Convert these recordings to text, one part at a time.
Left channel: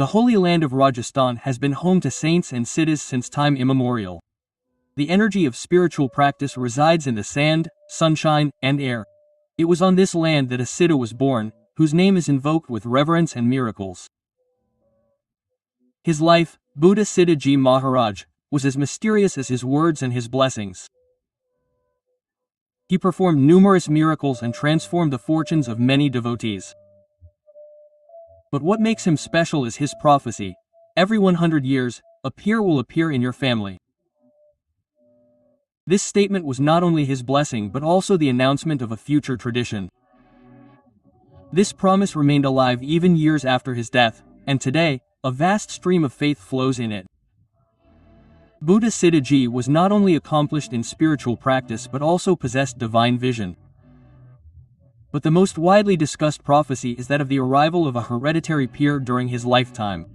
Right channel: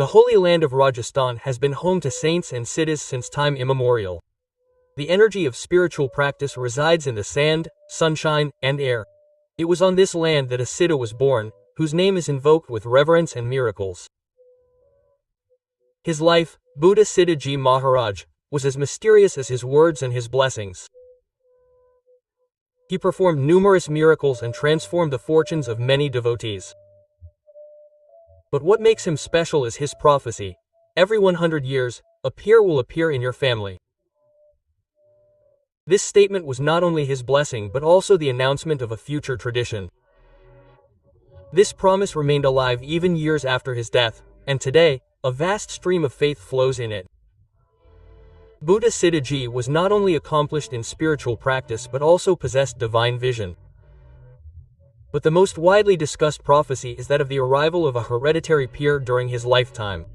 The holy land of Rajasthan has been home to saints and siddhas since time immemorial. The energy of spiritual practice resides in the sand, sunshine, and air. It was on this land that a siddha was born, whose name is invoked with reverence and miracles. His life, Bhabhuta Siddhaji Maharaj, was as mysterious as his words and his blessings. He performed numerous miracles and transformed the fortunes of many devotees. But what makes him special is his prophecy: every 100 years, a peer will appear in your family. This statement was not only his blessing but also the announcement of a future tradition. This promise remained alive even years after his death, and today, a vast stream of faith flows in it. Bhabhuta Siddhaji was not only accomplished in spiritual practice but also possessed divine vision. But the most widely discussed prophecy is that of the arrival of a hereditary peer during his lifetime.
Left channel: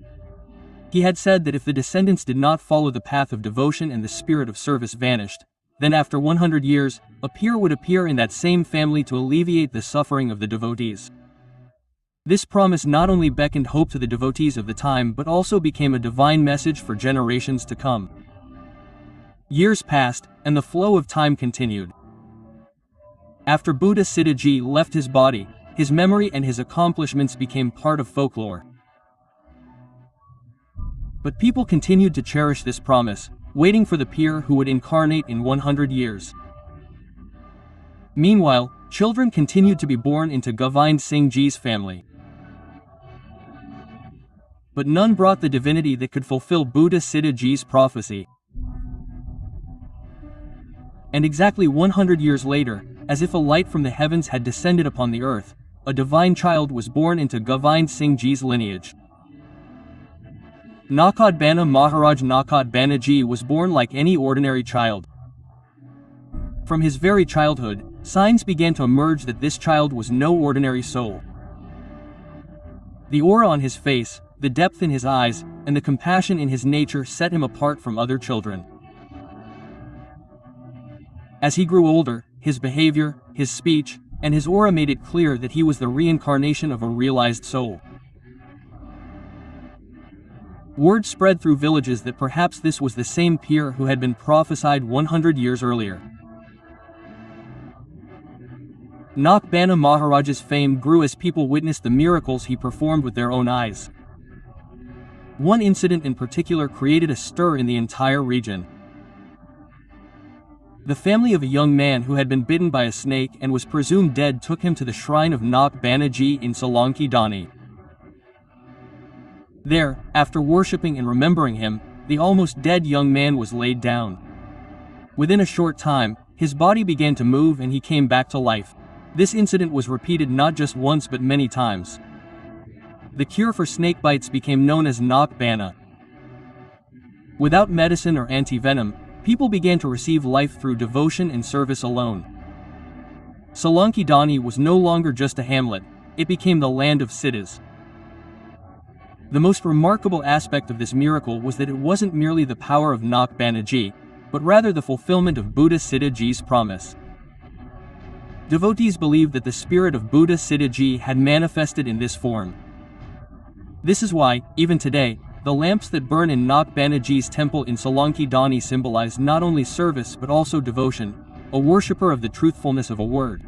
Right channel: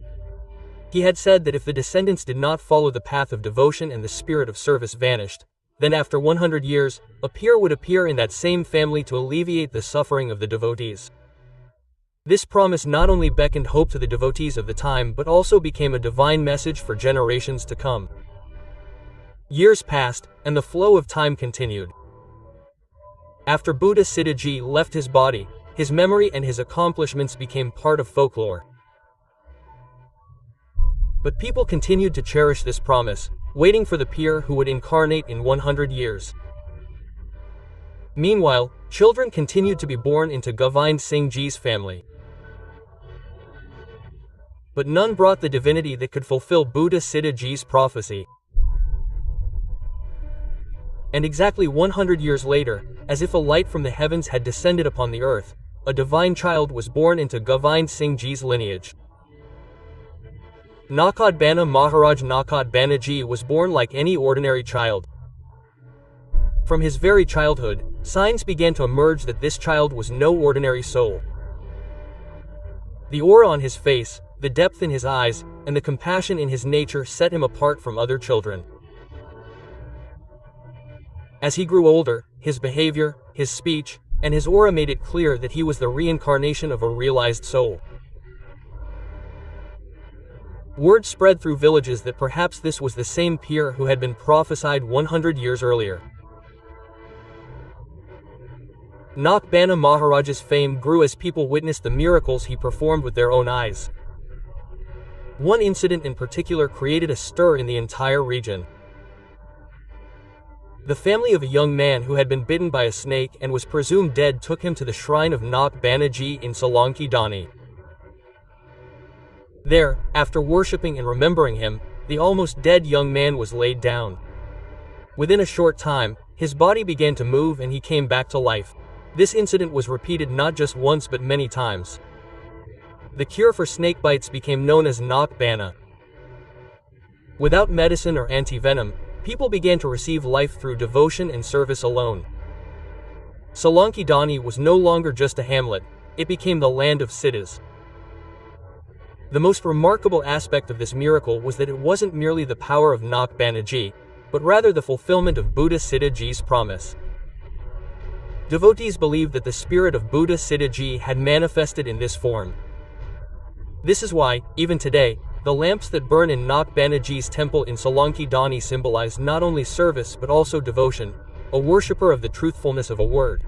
He had said that if the descendants did not follow the path of devotion and the spirit of service vanished, then after 100 years, a peer would appear in that same family to alleviate the suffering of the devotees. This promise not only beckoned hope to the devotees of the time but also became a divine message for generations to come. Years passed, and the flow of time continued. After Bhabhuta Siddhaji left his body, his memory and his accomplishments became part of folklore. But people continued to cherish this promise, waiting for the peer who would incarnate in 100 years. Meanwhile, children continued to be born into Govind Singh Ji's family. But none brought the divinity that could fulfill Bhabhuta Siddhaji's prophecy. And exactly 100 years later, as if a light from the heavens had descended upon the earth, a divine child was born into Govind Singh Ji's lineage. Nakad Bana Maharaj Nakad Banaji was born like any ordinary child. From his very childhood, signs began to emerge that this child was no ordinary soul. The aura on his face, the depth in his eyes, and the compassion in his nature set him apart from other children. As he grew older, his behavior, his speech, and his aura made it clear that he was the reincarnation of a realized soul. Word spread through villages that perhaps this was the same peer who had been prophesied 100 years earlier. Nak Bana Maharaj's fame grew as people witnessed the miracles he performed with their own eyes. One incident in particular created a stir in the entire region. The family of a young man who had been bitten by a snake and was presumed dead took him to the shrine of Nak Banaji in Solanki Dani. There, after worshipping and remembering him, the almost dead young man was laid down. Within a short time, his body began to move and he came back to life. This incident was repeated not just once but many times. The cure for snake bites became known as Nak Bana. Without medicine or anti-venom, people began to receive life through devotion and service alone. Solanki Dani was no longer just a hamlet, it became the land of siddhas. The most remarkable aspect of this miracle was that it wasn't merely the power of Nak Banaji, but rather the fulfillment of Bhabhuta Siddhaji's promise. Devotees believed that the spirit of Bhabhuta Siddhaji had manifested in this form. This is why, even today, the lamps that burn in Nak Banaji's temple in Solanki Dani symbolize not only service but also devotion, a worshipper of the truthfulness of a word.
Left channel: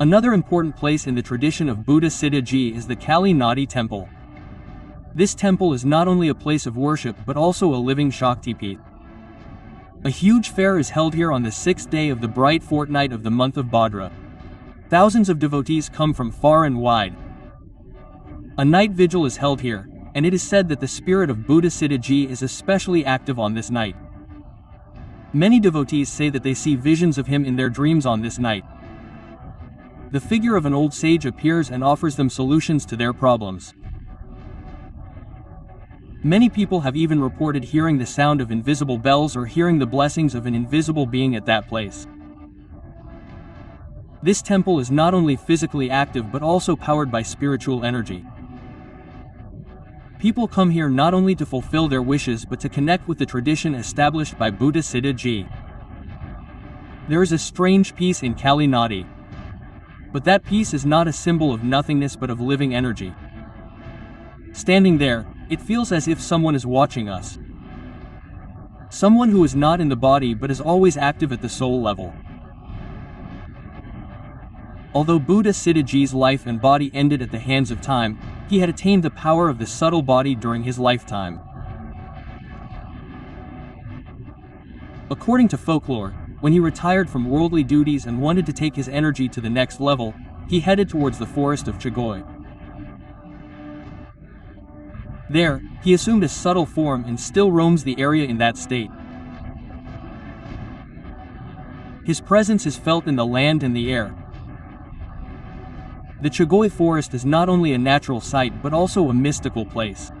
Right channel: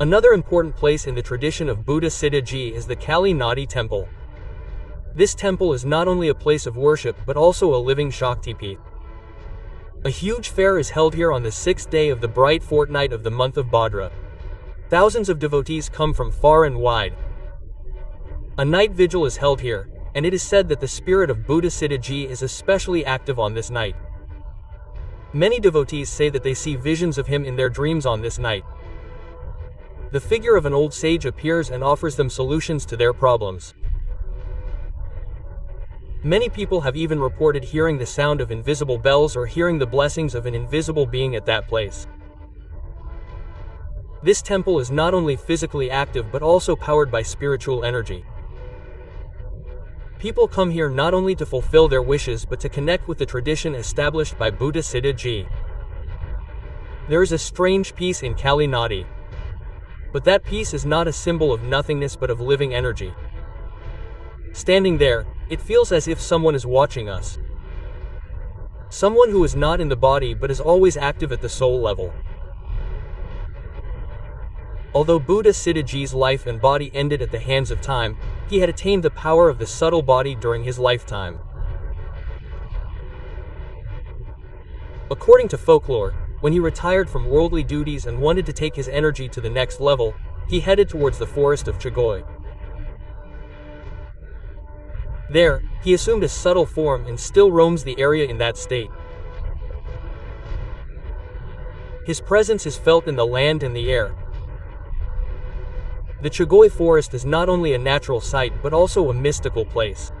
Another important place in the tradition of Bhabhuta Siddhaji is the Kali Nadi temple. This temple is not only a place of worship but also a living Shaktipeeth. A huge fair is held here on the 6th day of the bright fortnight of the month of Bhadra. Thousands of devotees come from far and wide. A night vigil is held here, and it is said that the spirit of Bhabhuta Siddhaji is especially active on this night. Many devotees say that they see visions of him in their dreams on this night. The figure of an old sage appears and offers them solutions to their problems. Many people have even reported hearing the sound of invisible bells or hearing the blessings of an invisible being at that place. This temple is not only physically active but also powered by spiritual energy. People come here not only to fulfill their wishes but to connect with the tradition established by Bhabhuta Siddhaji. There is a strange peace in Kali Nadi. But that peace is not a symbol of nothingness but of living energy. Standing there, it feels as if someone is watching us. Someone who is not in the body but is always active at the soul level. Although Buddha Siddhaji's life and body ended at the hands of time, he had attained the power of the subtle body during his lifetime. According to folklore, when he retired from worldly duties and wanted to take his energy to the next level, he headed towards the forest of Chagoi. There, he assumed a subtle form and still roams the area in that state. His presence is felt in the land and the air. The Chagoi forest is not only a natural sight but also a mystical place.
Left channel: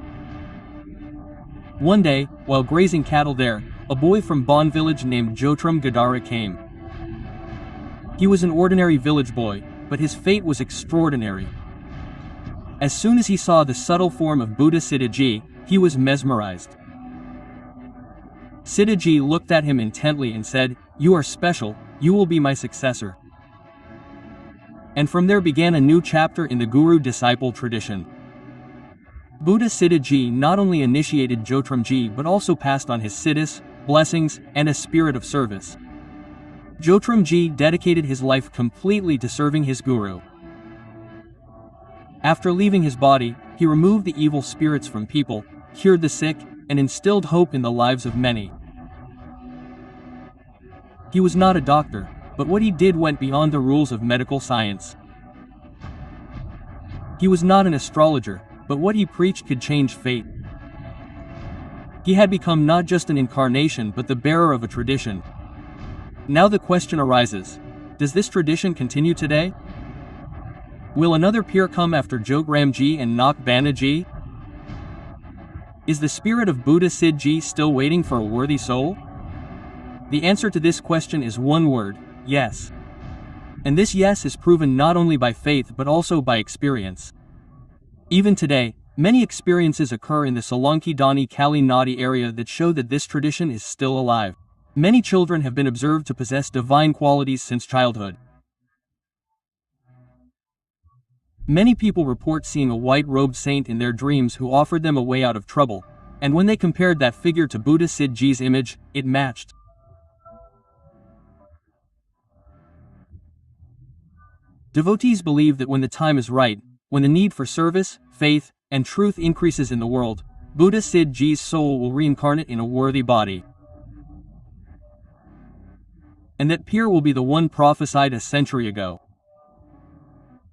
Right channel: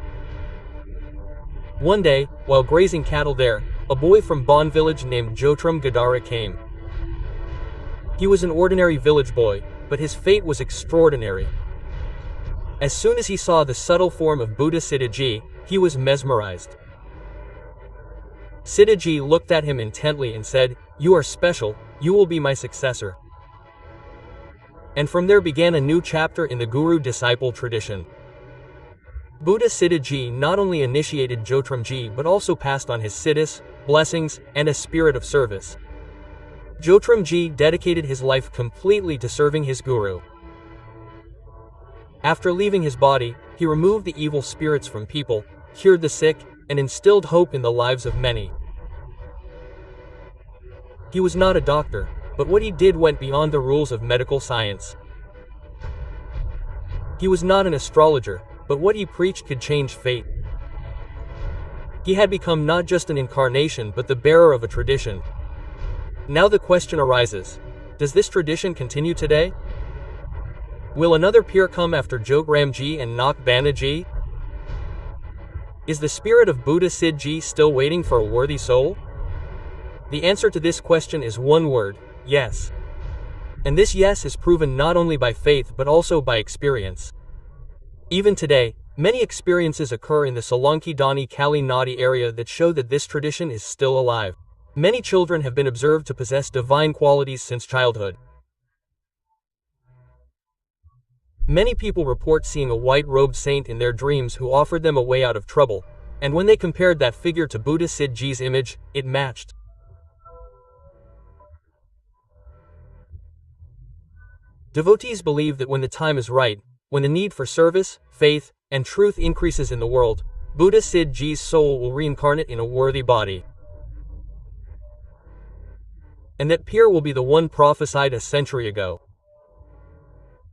One day, while grazing cattle there, a boy from Bon village named Jotram Gadara came. He was an ordinary village boy, but his fate was extraordinary. As soon as he saw the subtle form of Buddha Siddhaji, he was mesmerized. Siddhaji looked at him intently and said, "You are special, you will be my successor." And from there began a new chapter in the guru-disciple tradition. Buddha Siddhaji not only initiated Jotramji but also passed on his siddhis, blessings, and a spirit of service. Jotramji dedicated his life completely to serving his guru. After leaving his body, he removed the evil spirits from people, cured the sick, and instilled hope in the lives of many. He was not a doctor, but what he did went beyond the rules of medical science. He was not an astrologer, but what he preached could change fate. He had become not just an incarnation but the bearer of a tradition. Now the question arises, does this tradition continue today? Will another peer come after Jotramji and Nak Banaji? Is the spirit of Buddha Siddhaji still waiting for a worthy soul? The answer to this question is one word: yes. And this yes is proven not only by faith but also by experience. Even today, many experiences occur in the Solanki Dani Kali Nadi area that show that this tradition is still alive. Many children have been observed to possess divine qualities since childhood. Many people report seeing a white-robed saint in their dreams who offered them a way out of trouble, and when they compared that figure to Buddha Siddhaji's image, it matched. Devotees believe that when the time is right, when the need for service, faith, and truth increases in the world, Buddha Siddhaji's soul will reincarnate in a worthy body. And that peer will be the one prophesied a century ago.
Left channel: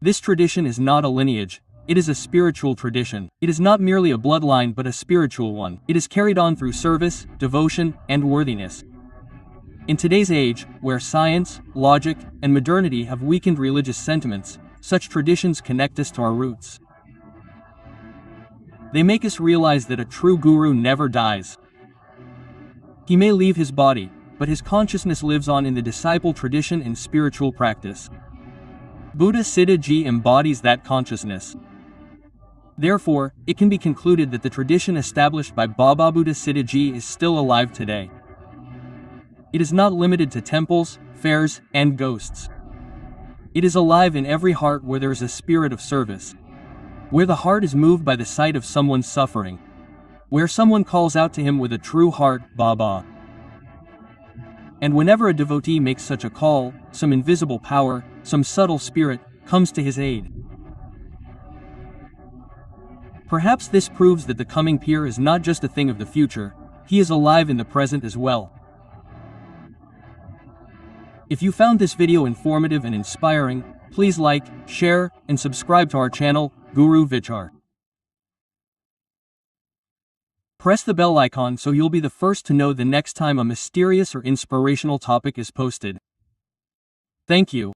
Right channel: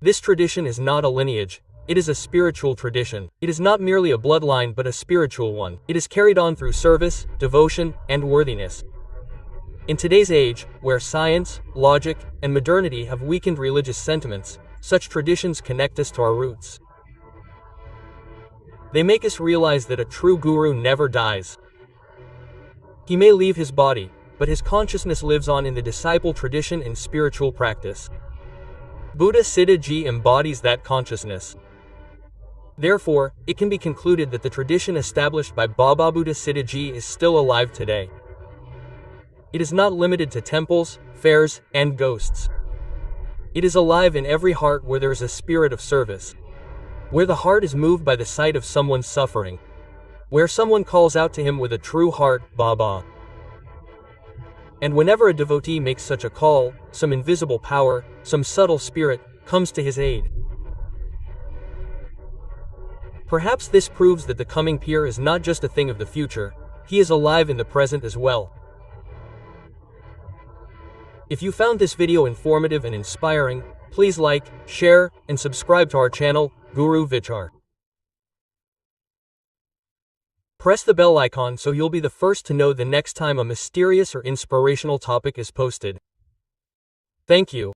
This tradition is not a lineage, it is a spiritual tradition. It is not merely a bloodline but a spiritual one. It is carried on through service, devotion, and worthiness. In today's age, where science, logic, and modernity have weakened religious sentiments, such traditions connect us to our roots. They make us realize that a true guru never dies. He may leave his body, but his consciousness lives on in the disciple tradition and spiritual practice. Buddha Siddhaji embodies that consciousness. Therefore, it can be concluded that the tradition established by Baba Buddha Siddhaji is still alive today. It is not limited to temples, fairs, and ghosts. It is alive in every heart where there is a spirit of service. Where the heart is moved by the sight of someone's suffering. Where someone calls out to him with a true heart, Baba. And whenever a devotee makes such a call, some invisible power, some subtle spirit, comes to his aid. Perhaps this proves that the coming peer is not just a thing of the future, he is alive in the present as well. If you found this video informative and inspiring, please like, share, and subscribe to our channel, Guru Vichar. Press the bell icon so you'll be the first to know the next time a mysterious or inspirational topic is posted. Thank you.